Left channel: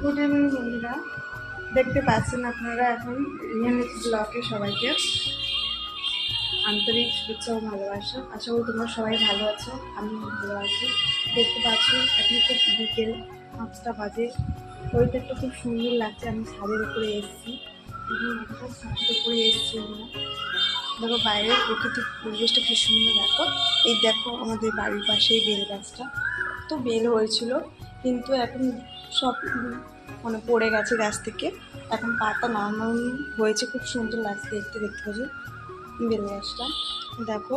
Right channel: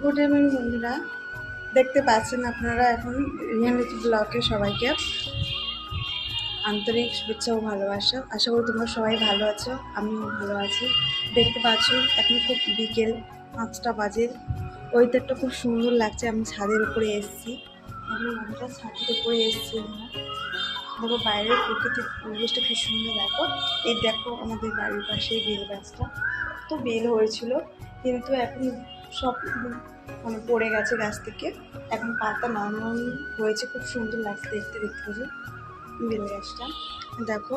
Good evening বন্ধুরা, দেখতে পাচ্ছেন আপনারা এখন রিয়ালিটি ব্লগে সবাইকে আন্তরিক শুভেচ্ছা ও ভালোবাসা। আশা করি তোমরা সবাই ভালো আছো, আমিও ভালো আছি। দেখতে পাচ্ছ এখন খুব বিকেল 5টা বাজে, ওয়েদারটা খুব সুন্দর লাগছে। আমি ছাদের উপরে এসেছি, এখন আমরা ছাদের উপরে এসেছি। আমরা দেখো বাইরের প্রকৃতির পরিবেশটা কি সুন্দর। এই দেখো আমাদের বাড়ির পাশেই বেল গাছটা, তো বেল হয়েছিল কিন্তু এখন সব মানে পড়ে গেছে গাছ থেকে। এখন পাতা নরম হয়েছে, খুব সুন্দর লাগছে দেখতে পাচ্ছি বেল গাছটা। দেখো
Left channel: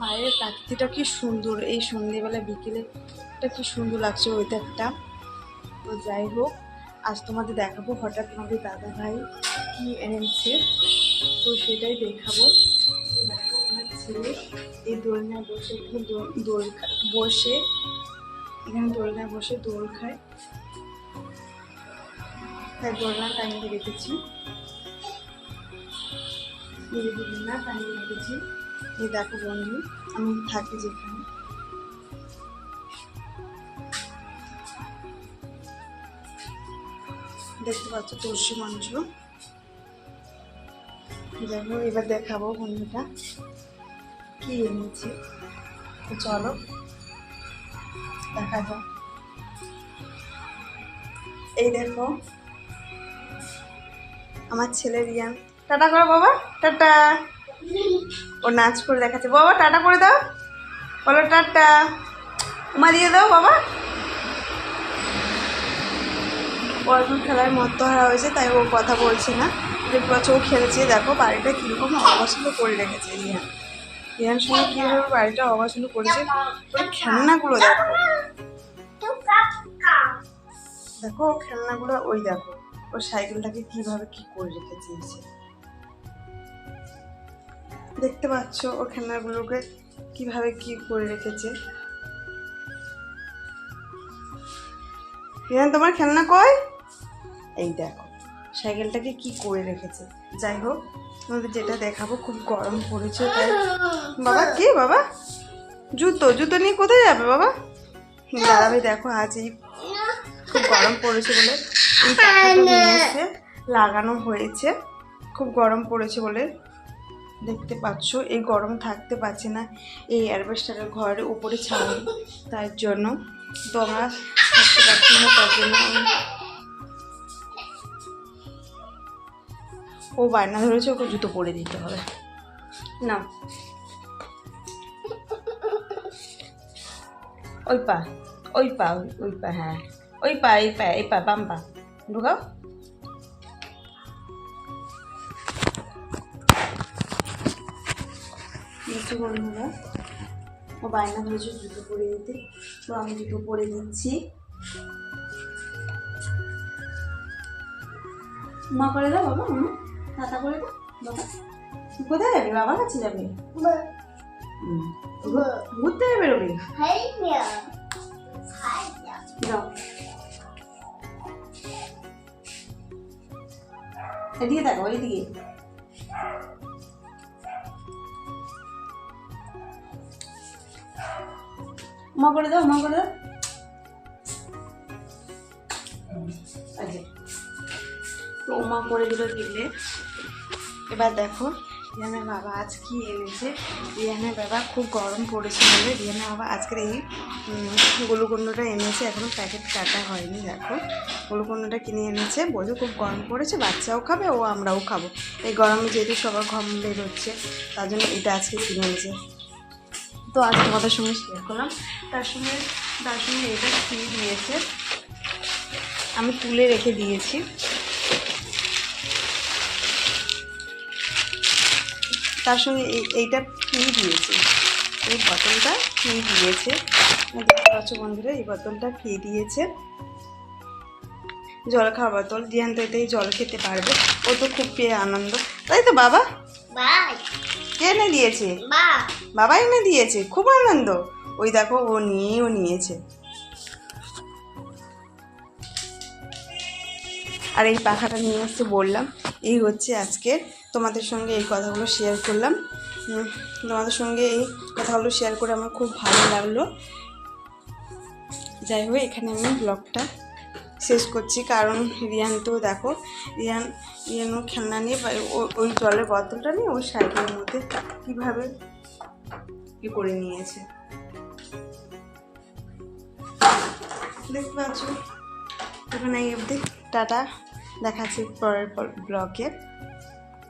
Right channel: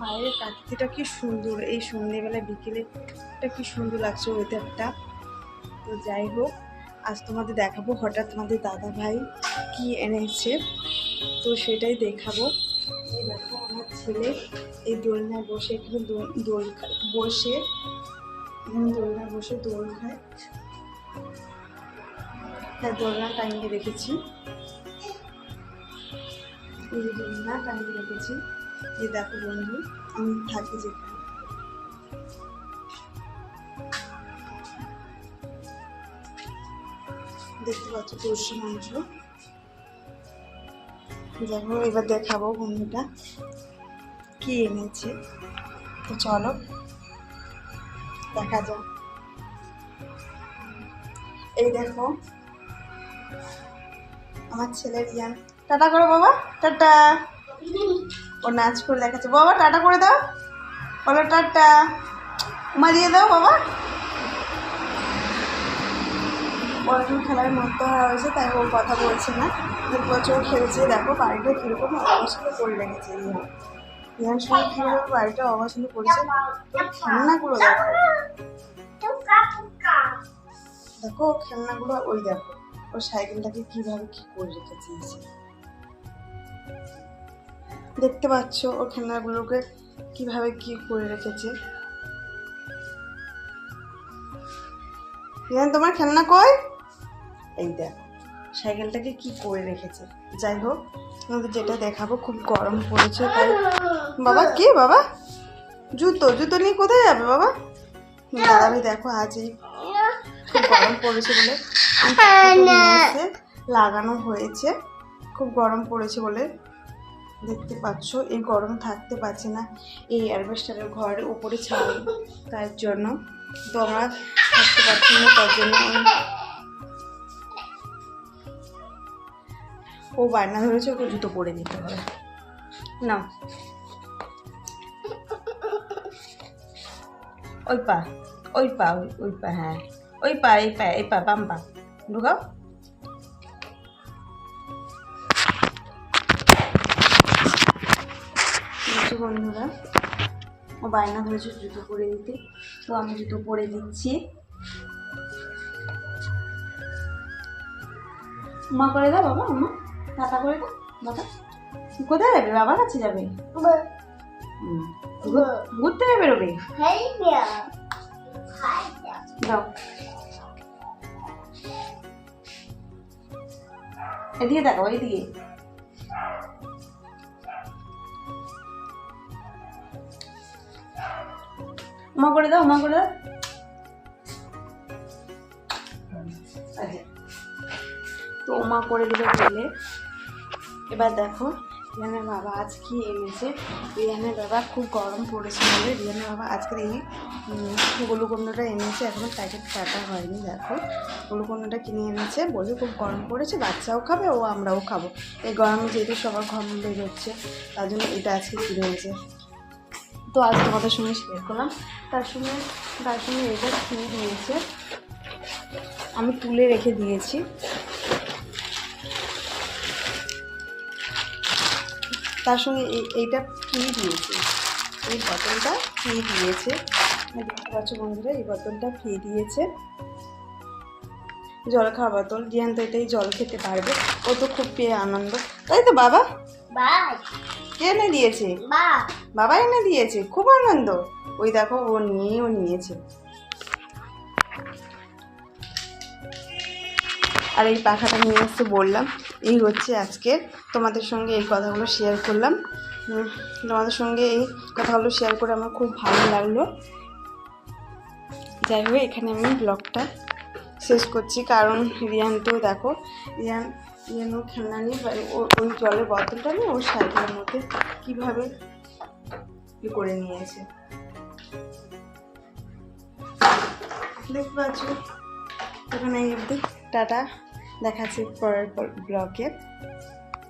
বাইরের প্রাকৃতিটা কি সুন্দর, এই সন্ধ্যেবেলা বিকেলেটা কি সুন্দর লাগছে ওয়েদারটা। তো যাই হোক, আজ তোমাদের দেখাবো হঠাৎ তোমাদের দাদা ভাই কি এনেছে, তো সেটাই দেখাবো। দেখো আমার ছেলে এই দোলনায় বসে এখানে দোলনায় বসে দোল খায়, তাই দোলনা টাঙিয়ে রেখেছি। এই দোলনা টাঙিয়ে রেখেছি। এই দেখো বন্ধু, আমি থাকি যেখানে, দেখতে পাচ্ছ তুলসী মঞ্চ। দেখো এবার দেখাবো বন্ধুটা কি এনেছে, তো চলো দেখা যাক। এই দেখো আমার ছেলে রিয়ান, টাটা করো বাবা, টাটা। ও নাচ করে দেখাচ্ছে, বাবা টাটা করে দাও, বলো টাটা, উমা দিয়ে দাও বাবা। ও এখন খেলার মতো হারা হয়েছে, তাই ও কথা বলছে না। দেখতে পাচ্ছ ও খেলেছে। দেখো বাড়িটা কীরকম অবাসন করে রেখেছে রিয়ান সঙ্গে কীভাবে বাড়িটা অবাসন করেছে। ওই খেলনাগুলো দেখো, দেখো খেলনাগুলো, ওই দেখো ওর সাইকেলটাকে কিভাবে কি করে রেখেছে। দেখতে পাচ্ছ ও খেলনাগুলোকে কিভাবে কি করে রেখেছে। রিয়ান তোমার খেলনা কই? এই দেখো সাইকেলটাকে কি করে রেখেছে। যাই হোক, তোমাদের যেটা দেখাবো, খুব গরম পড়েছে তাই। বাবা কে বাবা? জুতো নিয়ে কোথায় যাবে বাবা? দাঁড়াবে। দেখো আজ এই খুব গরম পড়েছে বলে নিয়ে এসে লাগানো হয়েছে। খুব গরম পড়েছে বলে দেখতে পাচ্ছ, এই গরম থাকতে পারছে না এই অ্যালবেস্টারের ঘরের উপরে ছাড়ে, তার জন্য তো আমরা থাকতে পারছি না। তার জন্য ও বায়না ধরেছে ওকে জুতো পরে দিতে হবে। না ওই পা হ্যাঁ ওই পা বাম পা ঢুকাও। বন্ধুরা ও বায়না ধরেছে জুতো পরে দিতে, তো আমি জুতো পরে দিচ্ছি। মা করে দাও বাবা, মা টাটা করে দাও বাবা। কোথায় যাবে? বাবার কাছে যাবে, ঘুরতে যাবে রবি। দাও এদিকে দেখো, এইদিকে মা করে দাও, মা করে দাও। তো মা করে দিলে বলে। এবার দেখো রিয়ানের বাবা আজ কি এনেছে। রিয়ানের বাবা খুব গরম পড়েছে বলে রিয়ানের বাবা আজকের এই গ্লুকন্ডটা এনেছে, এখনো প্যাকেট কাটা হয়নি। দেখো গ্লুকন্ডটা কিনে এনেছে, বলছে খুব গরম পড়েছে, বাচ্চাও খাবে ও আমরাও খাবো। এই গরমে যেহেতু সবার ঘাম বেরোচ্ছে, তার জন্য এটা আজকে কিনে এনেছে। তো আজ তোমাদের সঙ্গে শেয়ার করলাম। তার সঙ্গে এটা ফ্রি দিয়েছে, আমি তুলে রেখে দিয়েছি। তার সঙ্গে এইটা ফ্রি দিয়েছে, এই বোতলটা ফ্রি দিয়েছে। দেখতে পাচ্ছ বন্ধুরা, এই বোতলটা ফ্রি দিয়েছে, জল খাওয়া বোতল। রিয়ান তো এটাই জল খেতে পারবে, ও তো খুব পেয়ে আনন্দ, তাই তো বাবা? কে এনে দিয়েছে? বাবা এনে দিয়েছে, খুব আনন্দ। ওই দেখো ও নিয়েছে। আর এই পাখাটা নিয়ে এসে বললাম, এই হচ্ছে আজকে তোমাদের সঙ্গে এই কথাগুলো শেয়ার করলাম। তোমাদের সঙ্গে এই কথাগুলো শেয়ার করে আমার খুব ভালো লাগলো। যাই হোক, এখানে আমি ব্লগটা শেষ করছি, কারণ রিয়ানকেও দেখো, রিয়ান খেলনা নিয়ে ওই জলের বোতলটা নিয়ে ওই সাইকেলের মধ্যে কীভাবে করে নিয়েছে দেখতে পাচ্ছ। এখন এই অবধি, টাটা, দেখাচ্ছি পরের ব্লগে।